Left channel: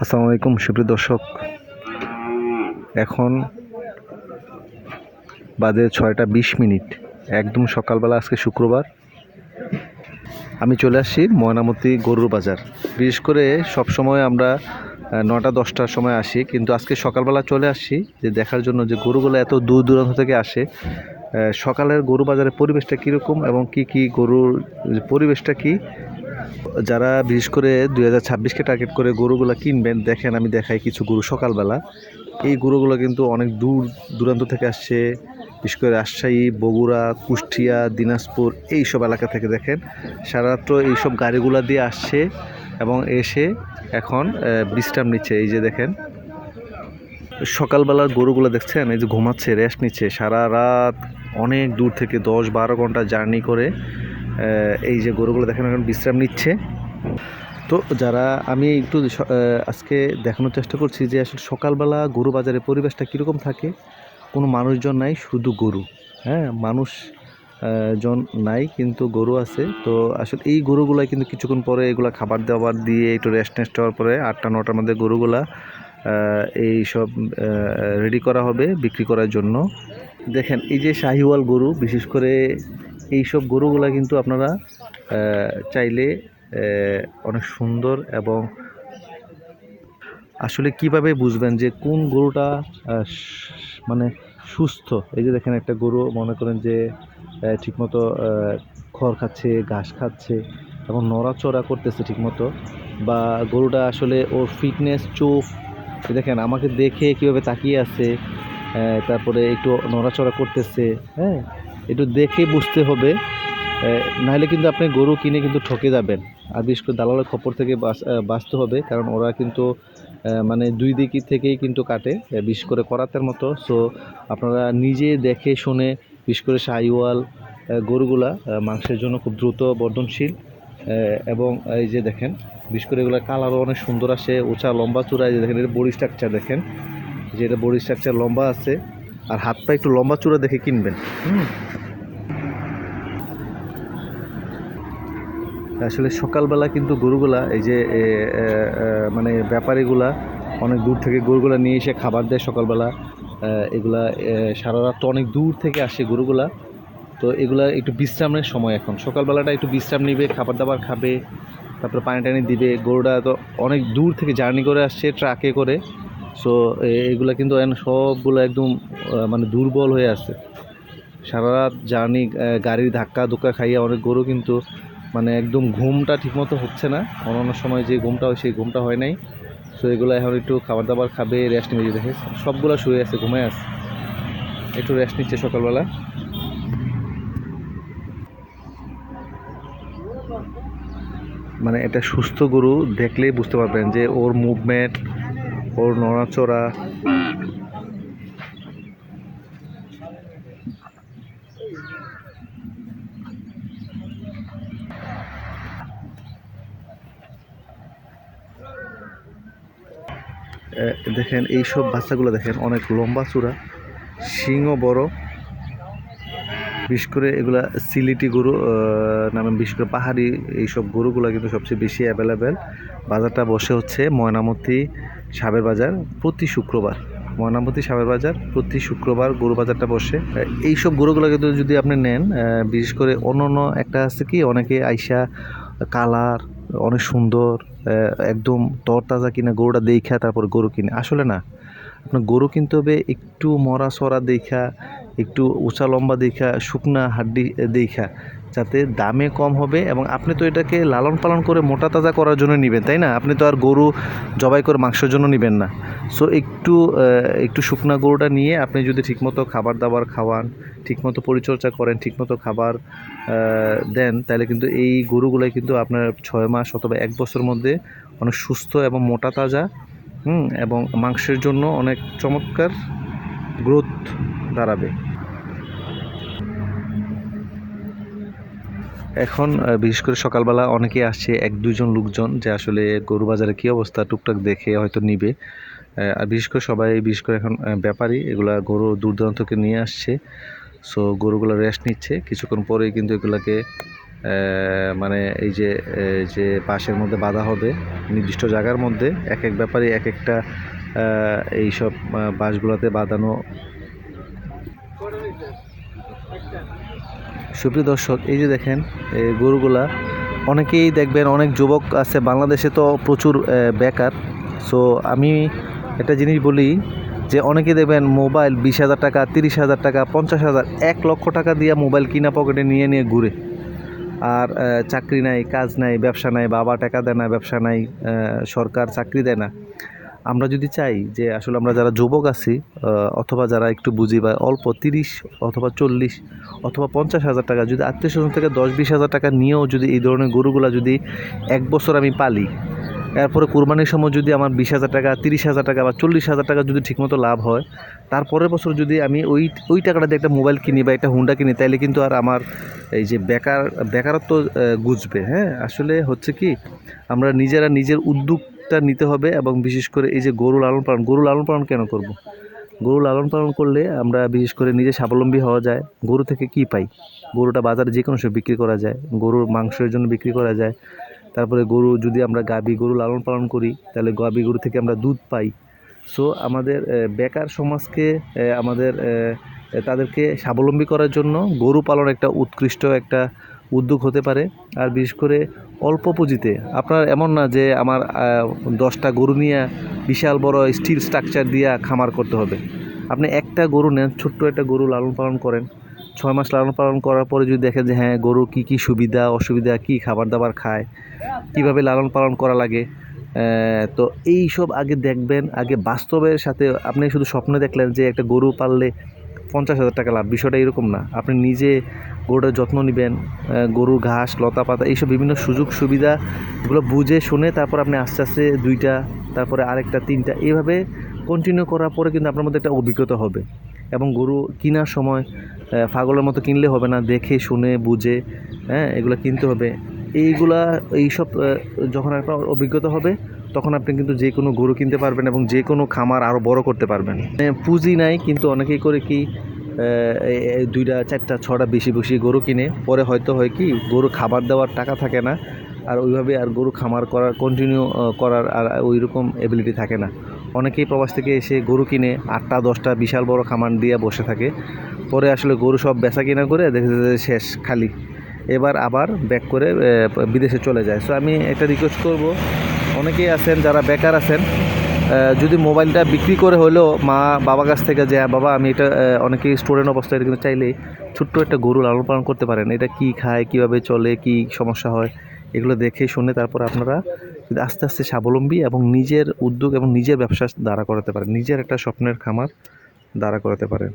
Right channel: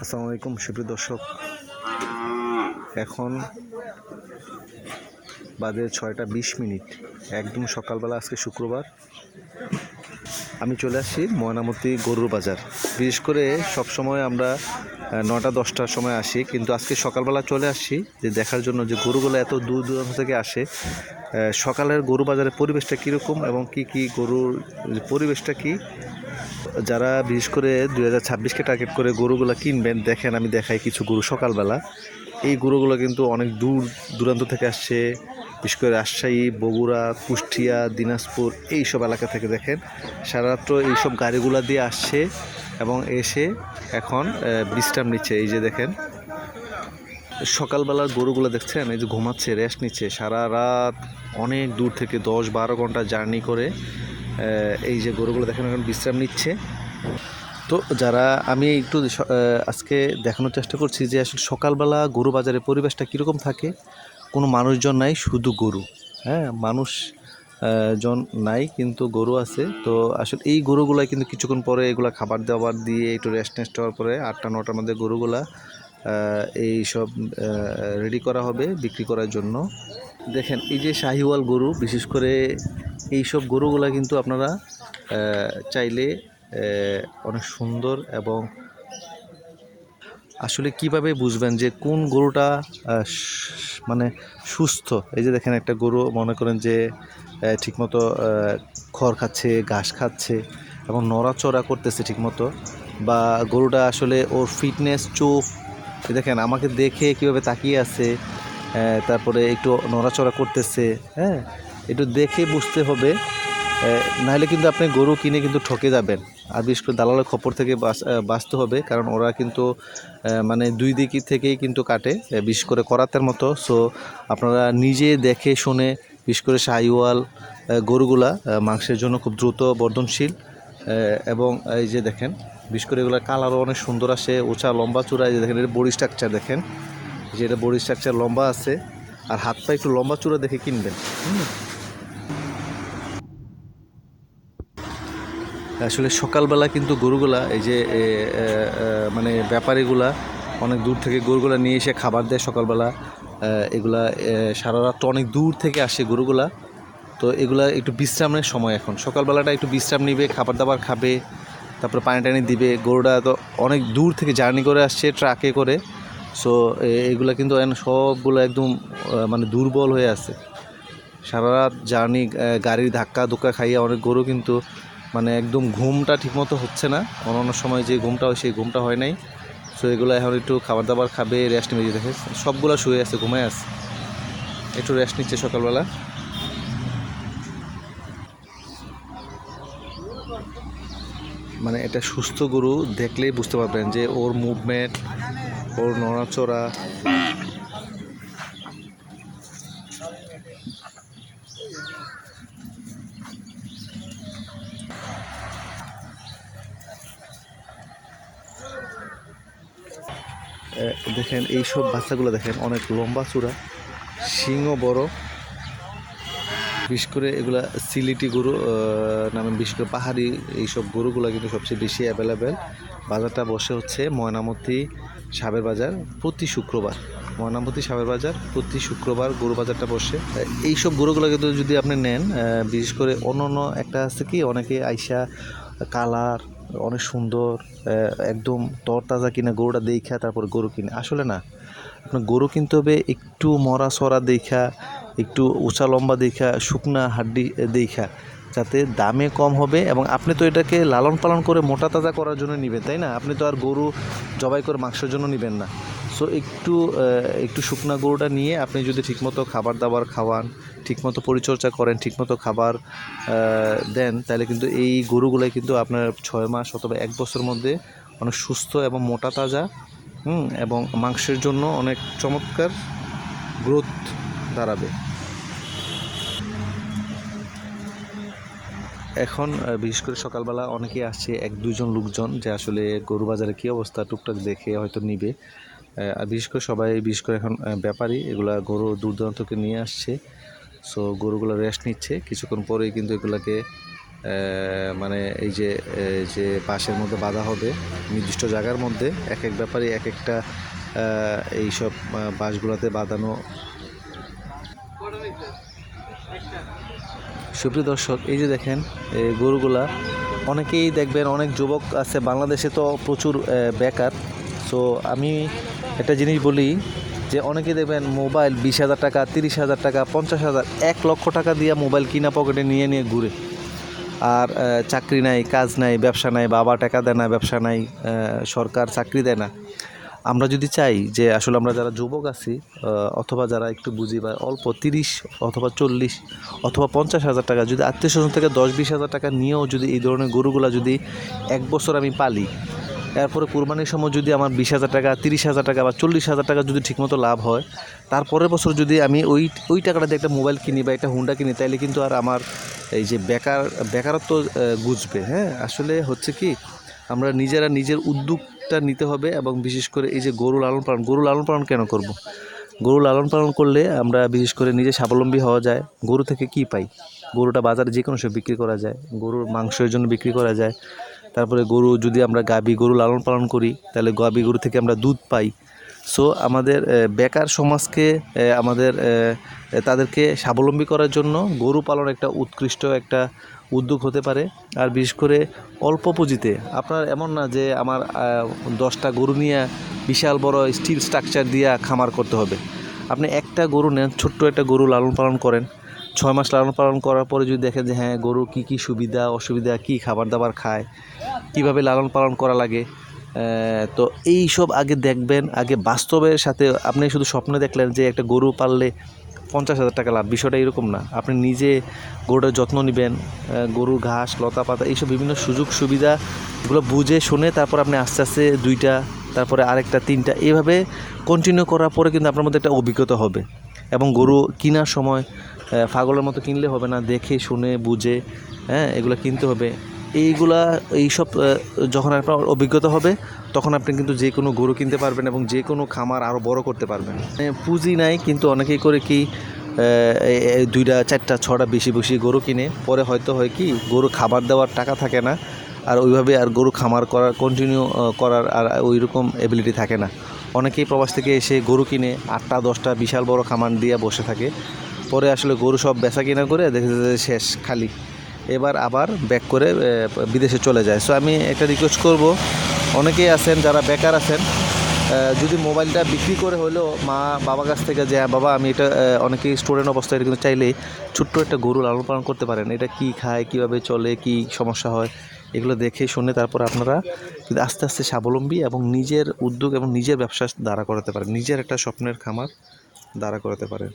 আসসালামু আলাইকুম, সুপ্রিয় দর্শক। এখন বাজে ছয়টা বিশ মিনিট। একদম সকালবেলা, আজকে শুক্রবার। আমি চলে আসছি ময়নামতি গরুর বাজার। বিশেষ করে সব সময় আমরা নটা, দশটার সময় আসি, কিন্তু আজকে সকালবেলা চলে আসছি যে দেখার জন্য যে গরুগুলো এত দূর দূরান্ত থেকে আসে। সকালের গরু বাজারের পরিবেশটা কীরকম এবং কি কি গরুর পরিবেশটা কী? যারা বিশেষ করে দুই হাজার ছাব্বিশকে টার্গেট করে গরুগুলো কিনবেন, দেখেন আমি দেখাই কিছু গরু সকালবেলা। এই গরুগুলো কিন্তু অনেক দূর দূরান্ত থেকে আসছে, বিশেষ করে রাজশাহী, বগুড়া, কুষ্টিয়া, দিনাজপুর এই সব এলাকা থেকে দেখেন। সারারাত্র এইসব গাড়িগুলো দিয়ে আসছে এবং এসে এখন বিশ্রাম নিচ্ছে। এই যে দেখেন, সকালবেলার গরুগুলো দেখছেন? এই যে ঘুমাচ্ছে রেস্ট নিচ্ছে। সারা রাত অনেক দূর থেকে দশ বারো ঘণ্টা জার্নি করে এই যে গরুগুলো দেখেন এখন বিশ্রাম নিচ্ছে। তো যারা আমি একটু আজকে দেখানোর চেষ্টা করছি যে আসলে সকালবেলা গরু বাজারে পরিবেশটা কীরকম থাকে, কোনো মানুষজন নাই, শুধু গরু। হ্যাঁ মানুষ জন নাই, কিন্তু গরু আছে। তো আসলে এই গরুগুলা কিন্তু কিছুক্ষণ পরে এগুলা খাবার দাবার দিয়ে একটু রেস্ট নেস্ট হওয়ার পরে আটটা, নটার মধ্যে গরুগুলা এই সব রেডি করা হবে বিক্রি করার জন্য। দেখেন, এই যে শাহিওয়াল গরু, বিশেষ করে এই সব গরুগুলা কিন্তু আপনারা চাইলে অনেক সুন্দর এবং আসলে কীভাবে বুঝবেন যে কোন গরুটা মানে সুস্থ? এই যে দেখেন একটা গরু মনে করেন যে ঠিকমতো খড় খাচ্ছে, ঘাস খাচ্ছে এবং নড়াচড়া করতেছে ঠিকমতো বা গরুটা আসলে ওর ফিটনেস চোখ দেখেন আমাকে দেখে কীভাবে তাকিয়ে আছে তারপরে একটু নড়াচড়া করতেছে হ্যাঁ? একটু দেখে বুঝতে হবে। নাহলে কিন্তু আপনি গরু কিনে কিন্তু ঠকে যাবেন। আর বিশেষ করে দালালের খপর থেকে বাঁচ- বাঁচতে হবে কারণ ওরা কিন্তু মানে দুই দিকে থেকেই কিন্তু কাটে বিশেষ করে করাতের মতো। সো আপনারা নিজে দেখে শুনে বিশেষ করে আহ, গরুগুলা মাংসের জন্য খুব দ্রুত বর্ধনশীল এবং এই যে দেখেন বিশেষ করে এগুলো কালারও অনেক সুন্দর আসে উঁচা লম্বা চূড়া এই যে দেখেন এটা বডি স্ট্রাকচার দেখেন যে এটা বডি স্ট্রাকচার লম্বা আছে আর হাত পা একটু লম্বা চূড়া দেখে কিনবেন। হুম। আসলে সকালবেলা কিন্তু গরুগুলা, এই যে মানে ব্যাপারীগুলা অনেক দূর থেকে গরুগুলা নিয়ে এসে খাবার দেয় সকালবেলা। এগুলা সারা রাত অনেক দূর থেকে আসে গরুগুলা। তো এগুলা একটু বিশ্রামের সময় এখন। সকালবেলাটা একটু বিশ্রাম নিবে, খাবার দাবার খাবে, তারপরে পানি টানি দিবে। গরুটা তো অনেক দূর থেকে জার্নি করে আসছে, ট্রাকে করে। সো এগুলা কিন্তু সবগুলো একদম মানে দুর্বল হয়ে আছে। সারা রাত জার্নি গাড়ির ধাক্কা ধুক্কা খাইয়ে অনেক গরু কিন্তু মানে একদম ঘুমটা ঠিকমতো হচ্ছে না। অন্য সময় যে ঘুমটা হয়, সেই ঘুমটা হয় নাই। সো এগুলো এখন একটু খাবার দাবার খাবে রেস্ট নিয়ে দেখে। সবগুলো শুয়ে আছে ঘুমে আছে। একটু রেস্ট নিচ্ছে সকালবেলা। মানে এটা সুস্থ গরু দেখলেই বুঝতে পারবেন যে ওর মুভমেন্ট ওর নড়াচড়া দেখেন এই সব বাচ্চাগুলো দেখেন, অনেক লম্বা চূড়া, শিংও বড়। বিশেষ করে এগুলা সিলিটি গরু নামে বিশেষ করে পাহাড়ি এইসব গরুগুলো কিন্তু সবচেয়ে বেশি অ্যাভেলেবেল বাজারটা বসে হচ্ছে ময়নামতি সাবের বাজার প্রতি শুক্রবার। ময়নামতি সাবের বাজার প্রতি শুক্রবার গরু বাজারটা বসে। এইসব গরুগুলো কিন্তু যদি আপনি নেন বিশেষ করে অন্য অন্য একটা আছে কি, অনেকে আইসা কালার, অনেক সুন্দর একদম তরতাজা কিনা গরুটা দেখা তারপর গরু কিনে। আসলে না, আপনার গরু কিনতে হবে একটু মরা সরা দেখা একটু উঁচা লম্বা দেখা শুকনা হাড্ডি দেখা যাতে দামে কম হবে এবং আপনি তো এটাকে লালন পালন করে মোটা তাজা করার জন্য নেবেন, তাই না? আপনি তো আর গরু জবাই করে মাংসের জন্য নেবেন না। সো একটু একটু শুকনা গরুটা নিয়ে আপনি যদি ঠিকমতো খাবার দাবার খাওয়ান, ঠিকমতো পরিচর্যা করেন, ঠিকমতো খাবার দেন, তাহলে কিন্তু এই গরুগুলাই কিন্তু আপনার ছয় মাস অথবা এক বছর মধ্যে অনেক সুস্থ এবং মোটা তাজা, হুম, এবং মাংসের জন্য অনেক চমৎকার গ্রোথ দাঁড়াবে। এখন বিশেষ করে সকালবেলা অনেকে আসছে, এক দুজন লোকজন যে আসলে গরু বাজারে কী অবস্থা, টুকটাক দেখে হয়তো নিবে। আর বিশেষ করে সবাই বিশেষ করে এখন ব্যাপারী এগুলা গরু দূর নিয়ে আসছে। সো গরুগুলো রেস্ট নিচ্ছে। কিছুক্ষণ পরেই কিন্তু এগুলাকে মানে এই যে যে বাঁশের মধ্যে বাঁধা হবে নির্দিষ্ট জায়গার মধ্যে এক এক ব্যাপারে এক একটা আহ, এইসব আহ, বাঁশগুলোতে বাঁধানো। সুপ্রিয় দর্শক এই যে দেখেন এই গরুগুলা অনেকেই দেখবেন অনেক যুবক আছে বাংলাদেশে তো প্রচুর বেকার। সো আমি একটা জিনিস বলি যে অনেকে দেবেন মোবাইল বিশ হাজার টাকা, তিরিশ হাজার টাকা, পঞ্চাশ হাজার, এক লক্ষ টাকা দিয়ে মোবাইল কিনা পকেটে নিয়ে নিয়ে ঘুরে। আর চাকরি নাই, কাজ নাই, ব্যবসা নাই, বাবা টাকা দেয় না, ব্যবসা নাই সরকার চাকরি দেয় না। আমরা যদি চাই যে আসলে আমরা যারা যুবক আছি অথবা যারা একটু বুঝি বা অল্প তিরিশ অথবা চল্লিশ অথবা পঞ্চাশ হাজার টাকা, যদি আত্মীয় স্বজন থেকে দশ বিশ হাজার টাকা নিয়েও যদি এই ধরনের গরুগুলা যদি এক বছর আমি পালি এরপরে কুরবানির সময় যদি আমার বিশ হাজার টাকা, তিরিশ হাজার টাকা বা চল্লিশ হাজার টাকা যদি ঠিকমতো লাভ হয়, তারপরের বছর যদি আমি ওই ওই টাকাটা দিয়ে একটা মোবাইল কিনি বা একটা হুন্ডা কিনি, তাইলে কিন্তু আর আমার এই যে বেকার, বেকারত্ব গুজবে হ্যাঁ আসলে হচ্ছে কি, আমরা নিজেরা নিজের উদ্যোগটা নিতে হবে এবং বিশেষ করে এই যে গরু লালন পালন, গরু লালন পালন কেন করব। গরু লালন পালন করলে আমরা বিশেষ করে নিজে স্বাবলম্বী হওয়া যায়, গরু থেকে কি পাই গরুটা বাজারে যে কোনো সময় বিক্রি করা যায়, গরুর মাংসের জন্য বিক্রি করা যায় তারপরে গরু, যদি আমরা গাবি গরু লালন পালন করি, তাহলে গাবি গরু থেকে আমরা দুধ পাই। সো আমাদের বেকার সমাজকে আমাদের তাদেরকে স্বাবলম্বী করার জন্য গরু পালন একটা উৎকৃষ্ট একটা উদ্যোগ হতে পারে। আর বিশেষ করে অল্প পুঁজিতে, আপনার এমন না যে আমার দশটা গরু নিয়ে বিশাল বড় স্টিল স্ট্রাকচার দিয়ে খামার করতে হবে। আপনি একটা গরু নেন, ছোট্ট একটা গরু লালন পালন করেন ছয় মাস লালন পালন করার পরে যদি দেখেন যে হ্যাঁ গরু কী কী সুবিধা, অসুবিধা, কী খাবার দাবার খায়, কীভাবে লালন পালন করা লাগে তো এই সব আগে দেখবেন, আগে বাস্তবের সাথে আপনি শুধু স্বপ্নে দেখলেন যে একটা গরু পাললে পঞ্চাশ হাজার টাকা লাভ, বিষয়টা এরকম না। আপনি নিজে গরুটার যত্ন নেবেন গরুর ঘাস, লতা পাতা, এইসব বিভিন্ন সুযোগ সুবিধা এগুলো বুঝে শুনে তারপর আপনি আস্তে আস্তে দুইটা, তারপরে আরেকটা, তিনটা, এভাবে কন্টিনিউ করার পরে কিন্তু আপনার মধ্যে একটা অভিজ্ঞতা হবে। এবং গরু কেনার সময় পাগলের মতো কিনলে হবে না, দেখে, শুনে, বুঝে হ্যাঁ এগুলো কিনতে হবে। এইগুলা, এইসব যখন আপনার অভিজ্ঞতা হবে, তখন আপনি কিন্তু যে কোনো গরু কিনতে পারবেন এবং যে কোনো খামার আরও বড় করতে পারবেন। পুঁজি নাই, কিন্তু অনেকেই করে কি দুইটা, চারটা, ছটা বেশি বেশি গরু কিনে, পরে হয়তো হয় কি, গরু খাবার দেওয়ার টাকা থাকে না, আর ওইভাবে আর গরু খামার করার কন্টিনিউ করার আর ওই রকম এবিলিটি থাকে না। অনেকেই প্রবাস থেকে এসে গরু কিনে আটটা দশটা বিশাল বড় খামার দিয়ে বসে থাকে। পরে আসলে গরু সব বেচা কিনা করে দেখে শেষ খালি। এবার আবার ব্যাক করে বিদেশে চলে যায়। সো আমি একটা রিকোয়েস্ট করব অনেকেই আছেন যারা বেকার আছেন যদি মোবাইলটা বিক্রি করে হলেও মা বাবার কাছ থেকে যে "হ্যাঁ, বাবা আমি এটা আহ, অনেকেই স্টুডেন্ট অবস্থায় কিন্তু চাইলে ছোট্ট একটা গরু লালন পালন করতে পারেন। এটা কি খায় কীভাবে চলে কি সমস্যা হয়? এগুলো দেখে শুনে তারপর আপনারা আস্তে আস্তে স্বাবলম্বী এবং নিজের উদ্যোগ এবং নিজের ব্যবসা দাঁড়া করাতে পারেন। নিজের একটা স্বপ্নের খামার দাঁড়া করাতে পারেন।